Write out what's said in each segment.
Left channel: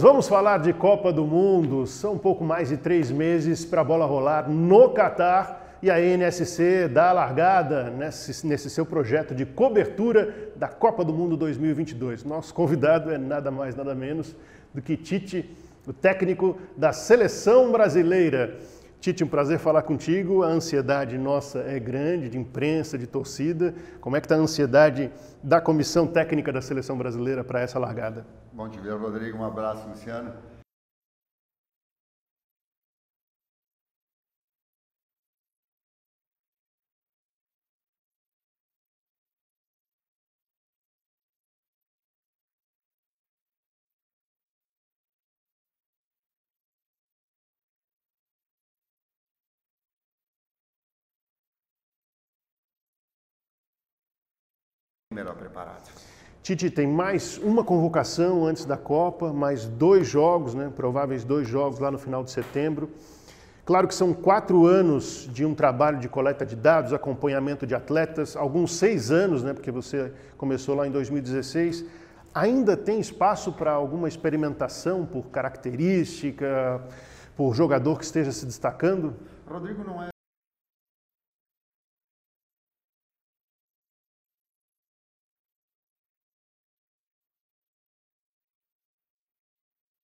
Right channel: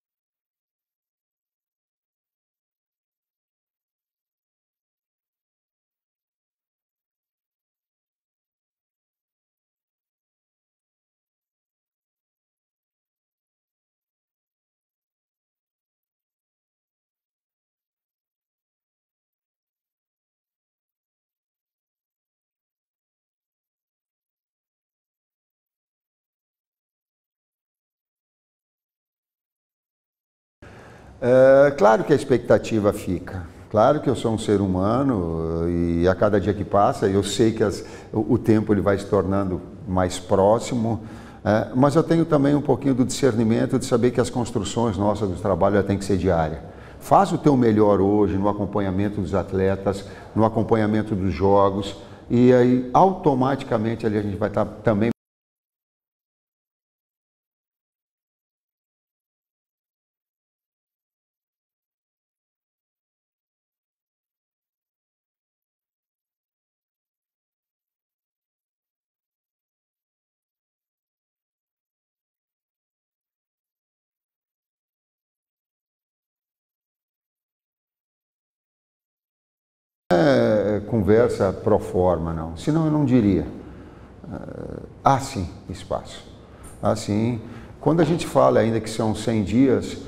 Vamos falar de Copa do Mundo. São um pouco mais de 3 meses para a bola rolar no Catar e a NSC dá a largada nesse seu projeto de cobertura da Copa do Mundo 2022. Nosso convidado é nada mais, nada menos do que Tite, o técnico da Seleção Brasileira. Tite, um prazer falar contigo. A ansiedade nossa é grande, de imprensa, de torcida. Como é que está a ansiedade da Comissão Técnica da Seleção Brasileira para essa largada? Bom te ver, Rodrigo. Um abraço, Luciano. Claro que a expectativa fica. Claro que eu sou um ser humano e a cada dia que passa eu sei que o tempo ele vai se tornando mais próximo, mas eu tenho também um pouquinho do discernimento de saber que as construções nossas do trabalho têm que ser diárias. Faz o teu melhor hoje no acompanhamento dos atletas, no acompanhamento dos jogos e aí automaticamente ali a gente vai estar também melhor preparado. Tite, tem mais uma convocação antes da Copa, mais 2 jogos, prováveis 2 jogos lá no final de setembro. Claro que são 4 anos de um trabalho de coleta de dados, acompanhamento de atletas, alguns 6 anos, porque você começou lá em 2016. Ainda tem espaço para alguma experimentação por característica, por jogador que esteja se destacando? Rodrigo, não é conversa pro forma, não. Senão eu não diria. Há sim espaço. Há sim. Quando a gente fala ainda que são 100 dias,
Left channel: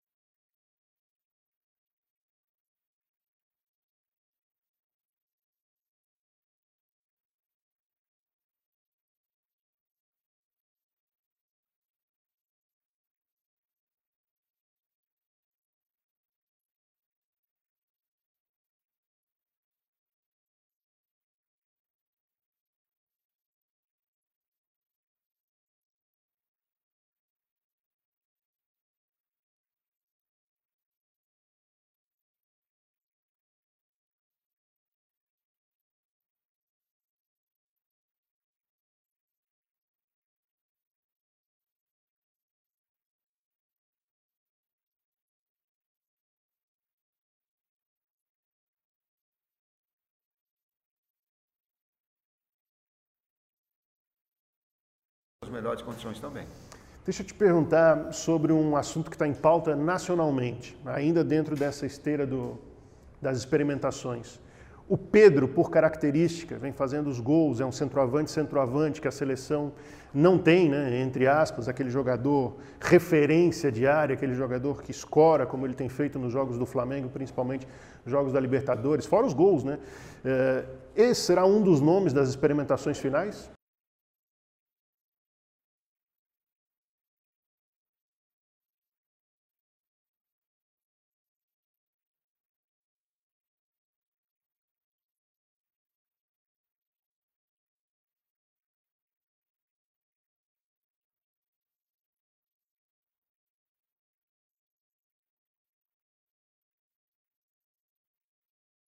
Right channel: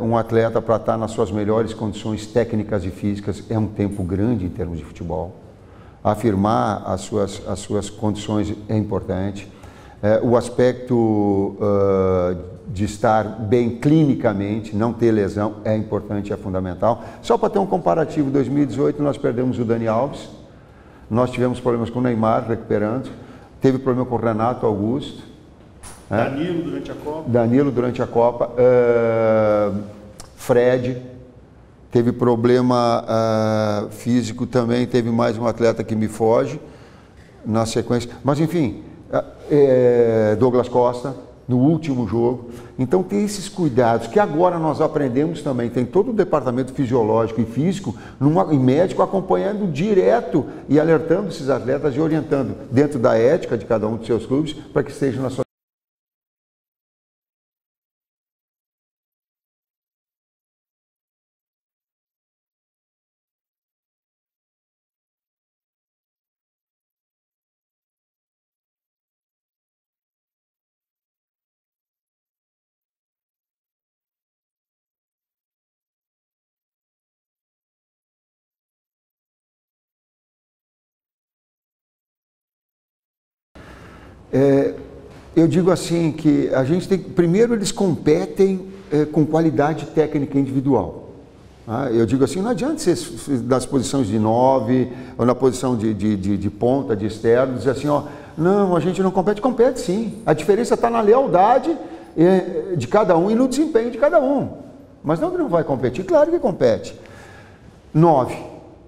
um atleta para estar nas suas melhores condições técnicas e físicas é um tempo grande em termos de futebol. Afirmar as suas condições é importante. O aspecto de estar bem clinicamente, não ter lesão, é importante, é fundamental. Só para ter um comparativo, em 2018 nós perdemos o Dani Alves, nós tivemos problemas com o Neymar recuperando, teve problema com o Renato Augusto. Danilo durante a Copa. Danilo durante a Copa. Fred teve problema físico também, teve mais um atleta que me foge na sequência. Mas enfim, Douglas Costa no último jogo. Então tem esses cuidados que agora nós aprendemos também. Tem todo o departamento fisiológico e físico e médico acompanhando direto e alertando esses atletas e orientando dentro da ética de cada um dos seus clubes para que estejam nas suas melhores condições também. Deixa eu te perguntar sobre um assunto que está em pauta nacionalmente, ainda dentro dessa esteira das experimentações. O Pedro, por característica, vem fazendo os gols, é um centroavante que a seleção não tem, entre aspas, aquele jogador referência diária, aquele jogador que escora, como ele tem feito nos jogos do Flamengo, principalmente jogos da Libertadores, fora os gols, Esse será um dos nomes das experimentações finais? Eu digo assim que a gente tem... Primeiro, eles competem com qualidade técnica individual. Eu digo assim, não adianta ser nas posições de 9 ou na posição de ponta, de externo, dizer assim, não, a gente não compete. Compete sim. A diferença está na lealdade de cada um e no desempenho de cada um. Mas não que não vai competir, claro que compete. 9.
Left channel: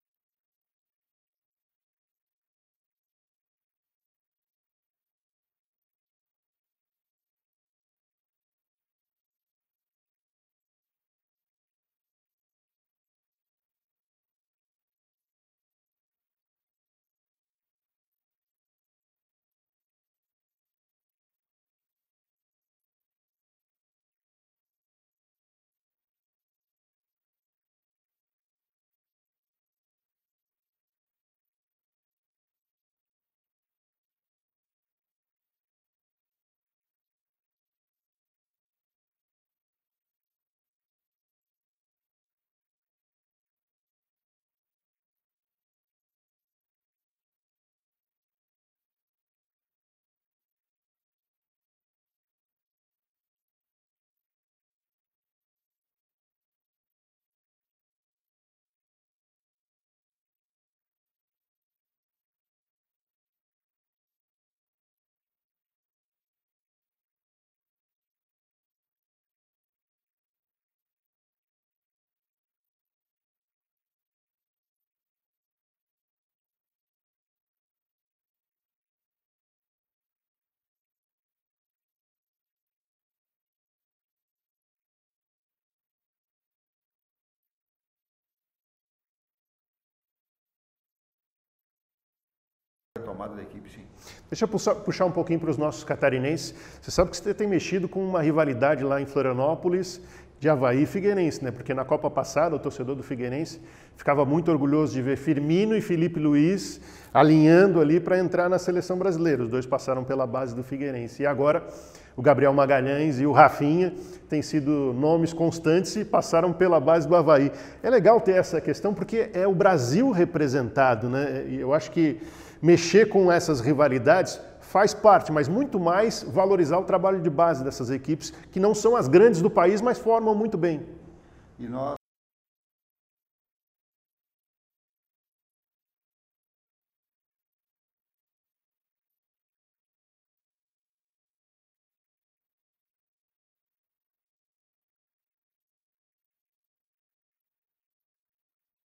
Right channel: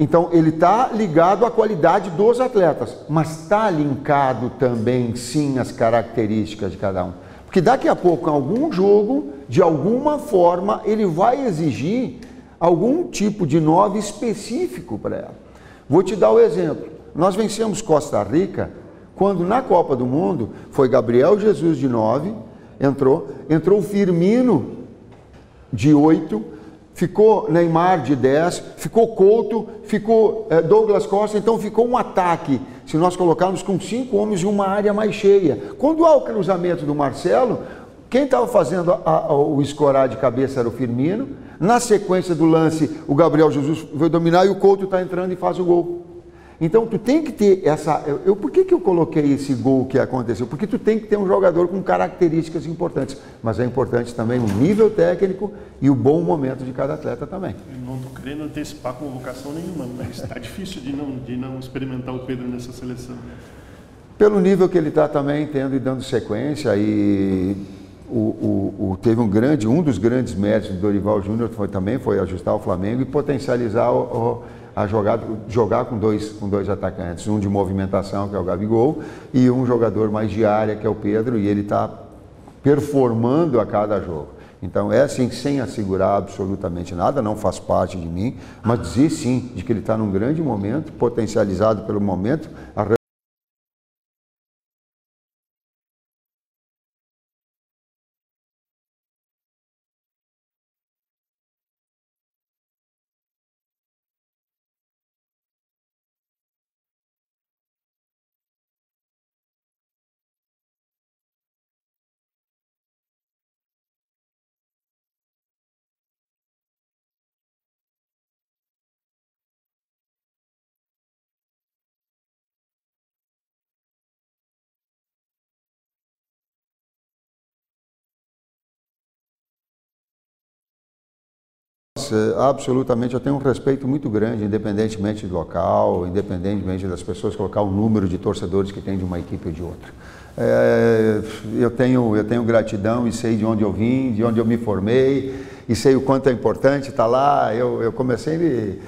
Então, ele está ligado à qualidade dos atletas, mas está linkado também, sim, às características de cada um. Porque daqui a pouco, em algum jogo, de alguma forma, ele vai exigir algum tipo de 9 específico para ela. Vou te dar o exemplo. Nós vencemos Costa Rica quando na Copa do Mundo foi Gabriel Jesus de 9, entrou o Firmino de 8, ficou Neymar de 10, ficou Couto, ficou Douglas Costa, então ficou um ataque, se nós colocarmos com 5 homens em uma área mais cheia. Quando há o cruzamento do Marcelo, quem estava fazendo o escorar de cabeça era o Firmino. Na sequência do lance, o Gabriel Jesus vai dominar e o Couto está entrando e faz o gol. Então, tu tem que ter essa... Por que eu coloquei esse gol que aconteceu? Porque tu tem que ter um jogador com características importantes. Mas é importante também o nível técnico e o bom momento de cada atleta também. Eu não estou querendo antecipar convocação nenhuma, mas está difícil de não experimentar o Pedro nessa seleção. Pelo nível que ele está também tendo e dando sequência e... teve um dos grandes méritos do Dorival Júnior foi ajustar o Flamengo e potencializar jogar com dois atacantes, um de movimentação, que é o Gabigol, e um jogador mais de área, que é o Pedro, e ele está performando a cada jogo. Então é assim, sem assegurar absolutamente nada, não faz parte de mim, mas dizer sim, de que ele está num grande momento, potencializado pelo momento, a retomada da equipe, sim. Deixa eu puxar um pouquinho para os nossos catarinenses. Você sabe que você tem mexido com uma rivalidade lá em Florianópolis de Avaí e Figueirense, né? Porque na Copa passada o torcedor do Figueirense ficava muito orgulhoso de ver Firmino e Felipe Luiz alinhando ali para entrar na seleção brasileira. Os dois passaram pela base do Figueirense. E agora o Gabriel Magalhães e o Rafinha têm sido nomes constantes e passaram pela base do Avaí. É legal ter essa questão porque é o Brasil representado, né? E eu acho que mexer com essas rivalidades faz parte, mas muito mais valorizar o trabalho de base dessas equipes, que não são as grandes do país, mas formam muito bem. E nós, absolutamente, eu tenho um respeito muito grande, independentemente do local, independentemente das pessoas colocar o número de torcedores que tem de uma equipe ou de outra. Eu tenho gratidão e sei de onde eu vim, de onde eu me formei, e sei o quanto é importante estar lá. Eu comecei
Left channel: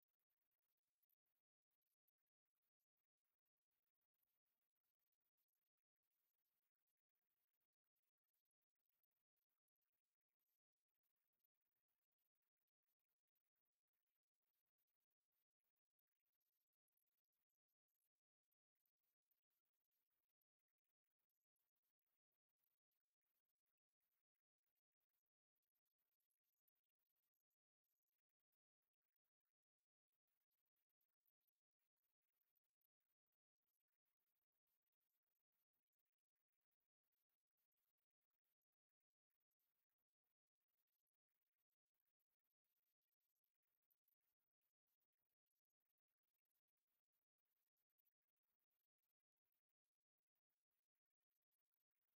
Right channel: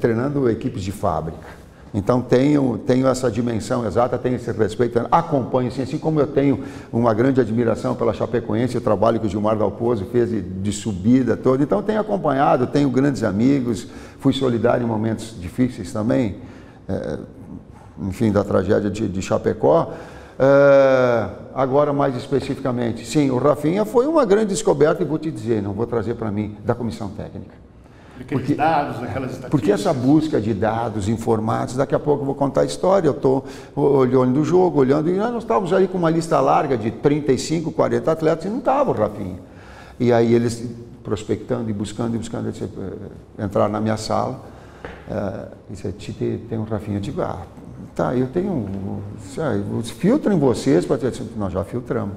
treinando equipes de fábrica. Então tenho essa dimensão exata, tenho esse respeito, acompanho, assim como eu tenho uma grande admiração pela Chapecoense, o trabalho que o Gilmar Dalpozo fez de subida toda. Então tenho acompanhado, tenho grandes amigos, fui solidário em momentos difíceis também, enfim, da tragédia de Chapecó. Agora, mais especificamente, sim, o Rafinha foi uma grande descoberta e vou te dizer, não vou trazer para mim, da comissão técnica. Aqueles dados, aquelas estatísticas. Porque essa busca de dados informados, daqui a pouco eu vou contar a história, eu estou olhando o jogo, olhando, e nós estávamos ali com uma lista larga de 35, 40 atletas e não estava o Rafinha. E aí eles prospectando e buscando, eles entraram na minha sala e disseram, Tite, tem um Rafinha. Eu digo, tá, eu tenho, filtrem vocês, para ter, nós já filtramos.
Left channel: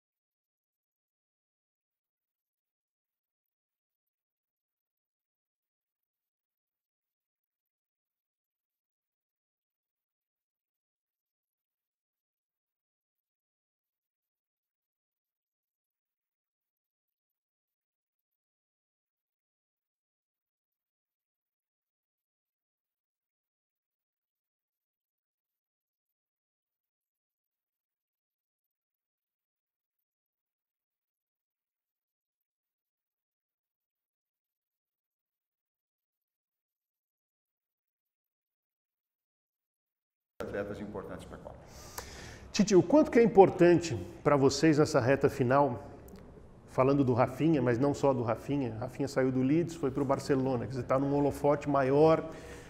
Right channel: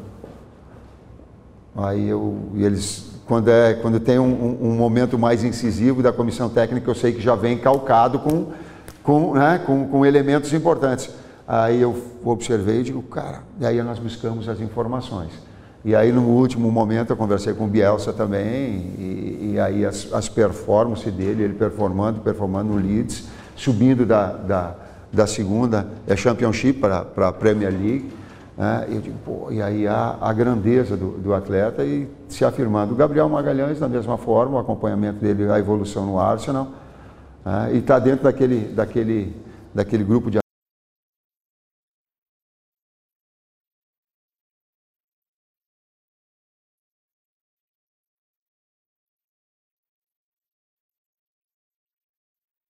Aí e eles... Quando tem um momento mais incisivo da comissão técnica, eu sei que já vem calcado com elementos importantes. Aí eu observei e digo, cara, e aí nós buscamos as informações. E aí no último momento eu conversei com o Bielsa também, e aí as performances dele, ele performando no Leeds, subindo da segunda Championship para a Premier League. Eu digo, pô, e aí a grandeza do atleta e se afirmando. O Gabriel Magalhães, da mesma forma, o acompanhamento dele, a evolução no Arsenal, e está dentro daquele grupo de atletas importantes para a Copa. Tite, o quanto que é importante para vocês nessa reta final, falando do Rafinha, mas não só do Rafinha, Rafinha saiu do Leeds, foi para o Barcelona, quer dizer, está num holofote maior,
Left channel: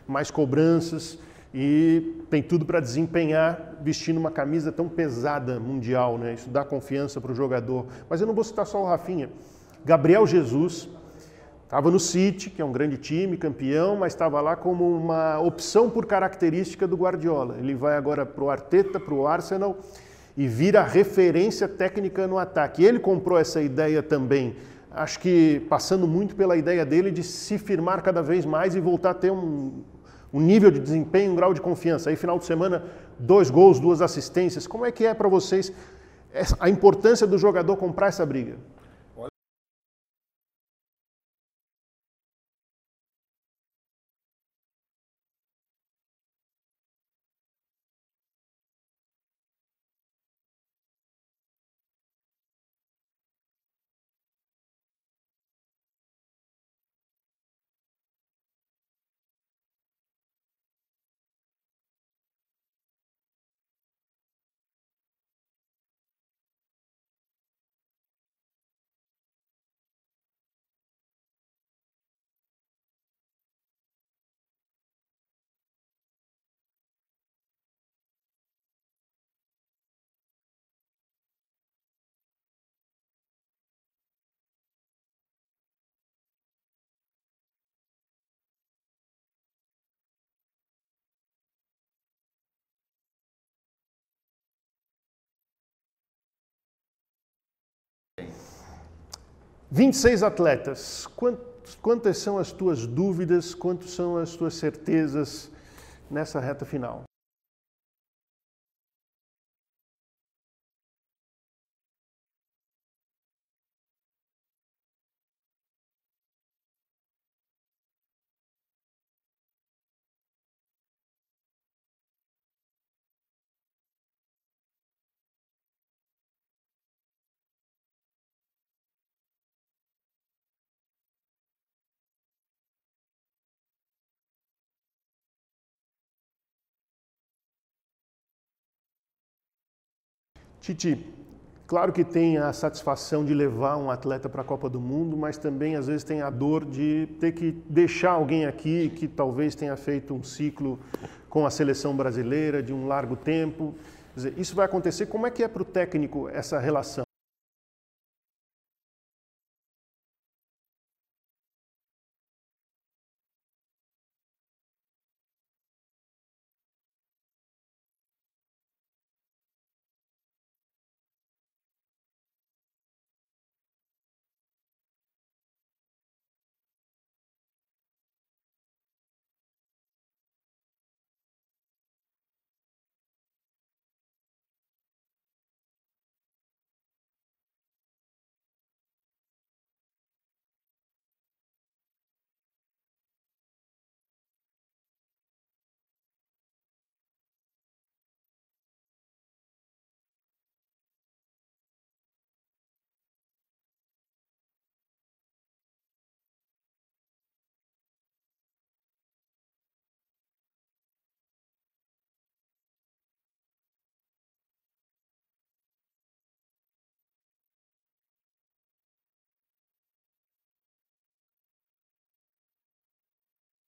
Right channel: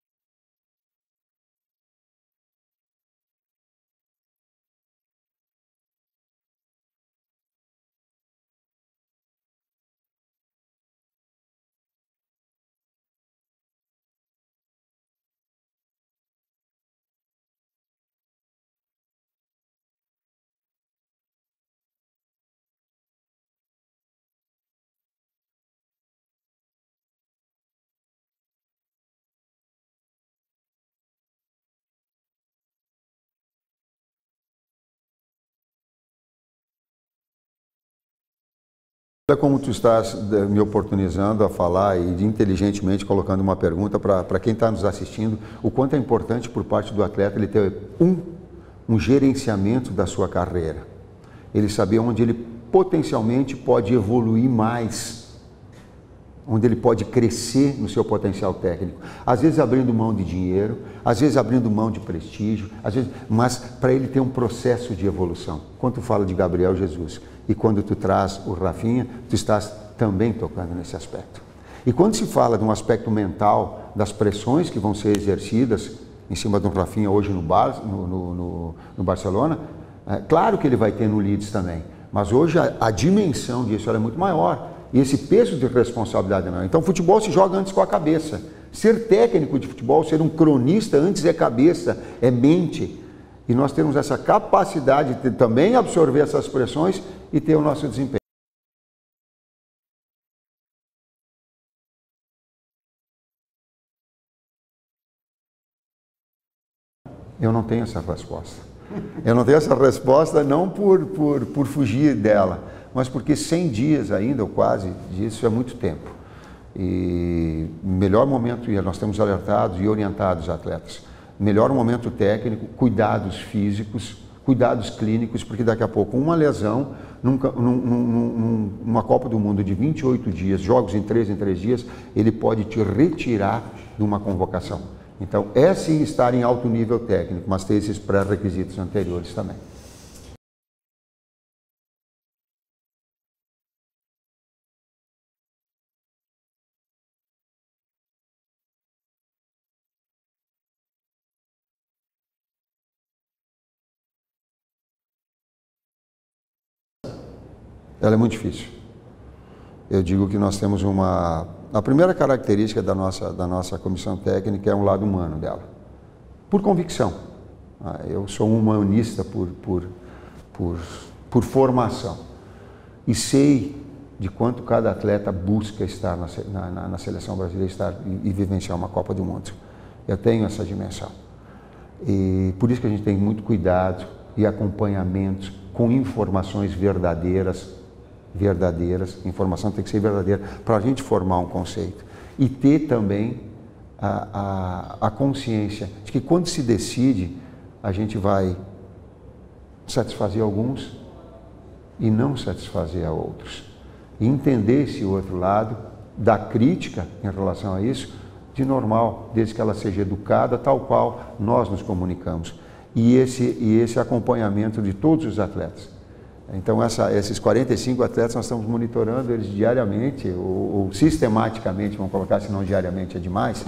mais cobranças, e tem tudo para desempenhar vestindo uma camisa tão pesada mundial, né? Isso dá confiança para o jogador. Mas eu não vou citar só o Rafinha. Gabriel Jesus estava no City, que é um grande time, campeão, mas estava lá como uma opção por característica do Guardiola. Ele vai agora para o Arteta, para o Arsenal, e vira referência técnica no ataque. Ele comprou essa ideia também, acho que passando muito pela ideia dele de se firmar cada vez mais e voltar a ter um nível de desempenho, um grau de confiança. Aí, final de semana, 2 gols, 2 assistências. Como é que é para vocês a importância do jogador comprar essa briga? Olha como tu estás me oportunizando a falar e inteligentemente colocando uma pergunta para quem está nos assistindo, o quanto é importante por parte do atleta ele ter um gerenciamento da sua carreira. Ele saber onde ele potencialmente pode evoluir mais, onde ele pode crescer no seu potencial técnico, às vezes abrindo mão de dinheiro, às vezes abrindo mão de prestígio, mas para ele ter um processo de evolução. Quando tu fala de Gabriel Jesus e quando tu traz o Rafinha, tu estás também tocando nesse aspecto. E quando se fala de um aspecto mental, das pressões que vão ser exercidas em cima do Rafinha hoje no Barcelona, claro que ele vai ter no Leeds também, mas hoje a dimensão disso é muito maior. E esse peso de responsabilidade é maior. Então, o futebol se joga antes com a cabeça. Ser técnico de futebol, ser um cronista, antes é cabeça, é mente. E nós temos essa capacidade de também absorver essas pressões e ter o nosso desempenho. 26 atletas. Quantas são as tuas dúvidas? Quantas são as tuas certezas nessa reta final? Eu não tenho essa resposta. Eu não tenho essa resposta não por fugir dela, mas porque 100 dias ainda, ou quase disso, é muito tempo. E melhor momento, e nós temos alertados e orientados os atletas, melhor momento técnico, cuidados físicos, cuidados clínicos, porque daqui a pouco uma lesão, numa Copa do Mundo de 28 dias, jogos em 3 dias, ele pode te retirar de uma convocação. Então, é sim estar em alto nível técnico, mas ter esses pré-requisitos anteriores também. Tite, claro que tem a satisfação de levar um atleta para a Copa do Mundo, mas também às vezes tem a dor de ter que deixar alguém aqui que talvez tenha feito um ciclo com a seleção brasileira de um largo tempo. Quer dizer, isso vai acontecer. Como é que é para o técnico essa relação? Ela é muito difícil. Eu digo que nós temos a primeira característica da nossa comissão técnica é um lado humano dela, por convicção. Eu sou um humanista por formação e sei de quanto cada atleta busca estar na seleção brasileira e vivenciar uma Copa do Mundo. Eu tenho essa dimensão. E por isso que a gente tem muito cuidado e acompanhamento com informações verdadeiras, informação tem que ser verdadeira para a gente formar um conceito. E ter também a consciência de que quando se decide, a gente vai satisfazer alguns e não satisfazer a outros. E entender esse outro lado, da crítica em relação a isso, de normal, desde que ela seja educada, tal qual nós nos comunicamos. E esse acompanhamento de todos os atletas. Então, esses 45 atletas, nós estamos monitorando eles diariamente, ou sistematicamente, vamos colocar, se não diariamente é demais,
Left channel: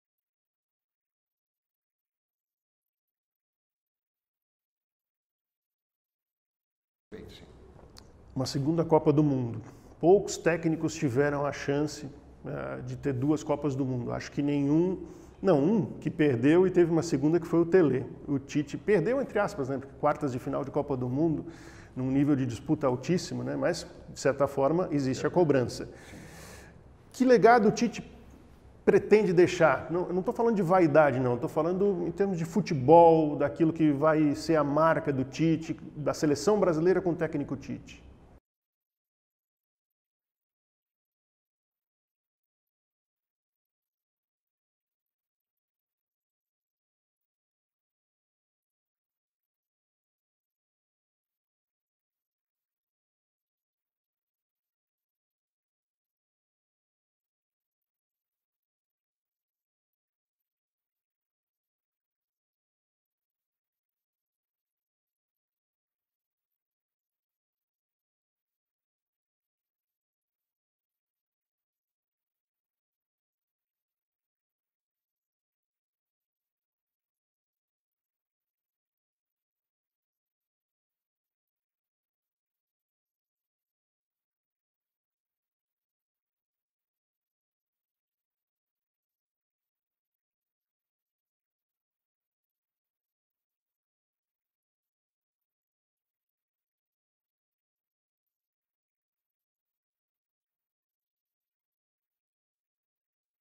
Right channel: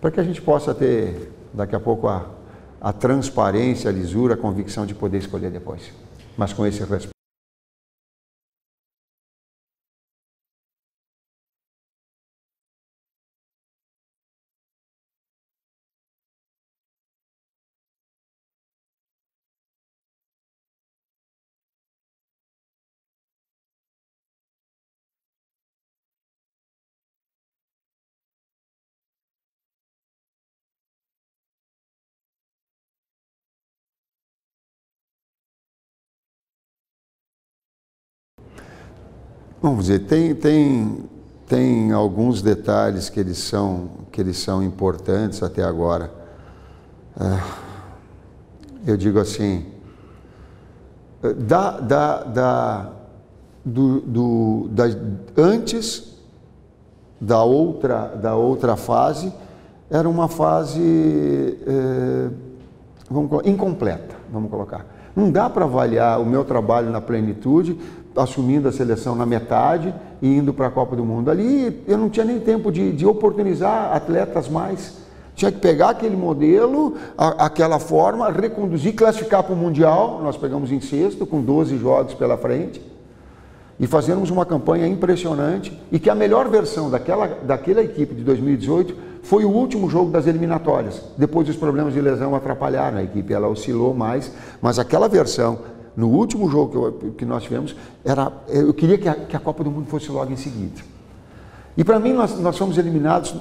para que a gente possa ter, daqui a pouco, a transparência, a lisura, a convicção de poder escolher depois. Mas com esse respeito. Sim. Uma segunda Copa do Mundo. Poucos técnicos tiveram a chance de ter duas Copas do Mundo. Acho que nenhum, não, um que perdeu e teve uma segunda que foi o Tele. O Tite perdeu, entre aspas, né? Porque quartas de final de Copa do Mundo, num nível de disputa altíssimo, né? Mas, de certa forma, existe a cobrança. Que legado o Tite pretende deixar? Não estou falando de vaidade, não. Estou falando em termos de futebol, daquilo que vai ser a marca do Tite, da seleção brasileira com o técnico Tite. Vamos dizer, tem alguns detalhes que eles são importantes até agora. Eu digo assim, antes da outra fase, era uma fase incompleta, vamos colocar. Não dá para avaliar o meu trabalho na plenitude, assumindo a seleção na metade e indo para a Copa do Mundo. Ali eu não tinha nem tempo de oportunizar atletas mais. Tinha que pegar aquele modelo, aquela forma, reconduzir, classificar para o Mundial. Nós pegamos em sexto, com 12 jogos pela frente, e fazermos uma campanha impressionante, e que a melhor versão daquela equipe de 2018 foi o último jogo das eliminatórias. Depois os problemas de lesão atrapalharam a equipe, ela oscilou mais, mas aquela versão, no último jogo que nós tivemos, eu queria que a Copa do Mundo fosse logo em seguida. E para mim, nós fomos eliminados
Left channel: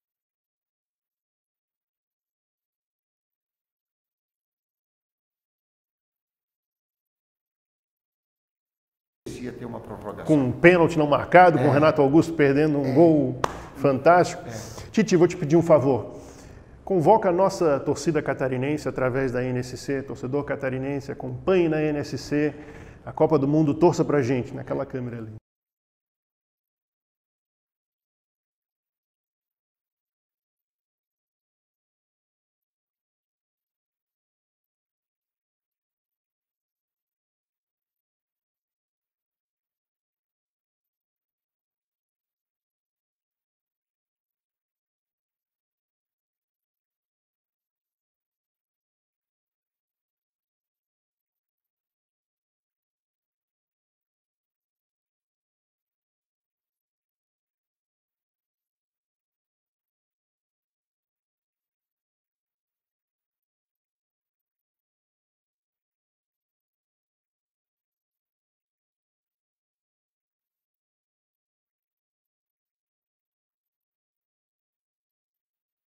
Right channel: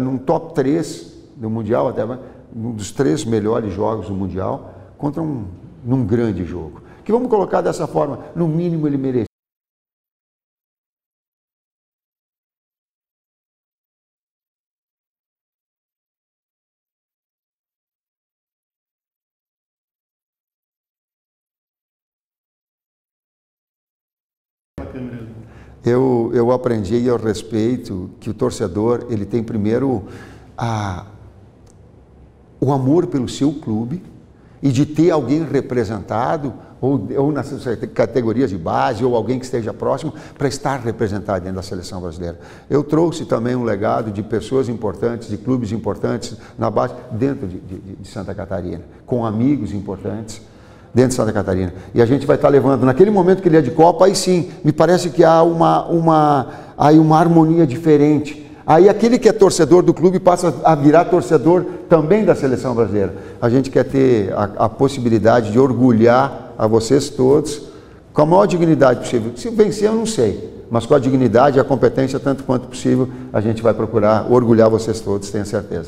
num top 3 do Mundial, até um dos 3 melhores jogos do Mundial, contra num grande jogo. Que vamos colocar dessa forma, no mínimo ele merecia ter uma prorrogação. Com um pênalti não marcado, com o Renato Augusto perdendo um gol fantástico. Tite, vou te pedir um favor. Convoca a nossa torcida catarinense através da NSC, torcedor catarinense, acompanhe na NSC a Copa do Mundo, torça pra gente, naquela câmera ali. Eu aprendi e eu respeito que o torcedor, ele tem primeiro o amor pelo seu clube e de ter alguém representado, ou nas categorias de base, ou alguém que esteja próximo, para estar representado dentro da seleção brasileira. Eu trouxe também um legado de pessoas importantes, de clubes importantes na base, dentro de Santa Catarina, com amigos importantes dentro de Santa Catarina. E a gente vai estar levando, naquele momento que ele é de Copa, aí sim, me parece que há uma harmonia diferente. Aí aquele que é torcedor do clube passa a virar torcedor também da seleção brasileira. A gente quer ter a possibilidade de orgulhar a vocês todos com a maior dignidade possível. Se vencer, eu não sei, mas com a dignidade e a competência, tanto quanto possível, a gente vai procurar orgulhar vocês todos, tenho certeza.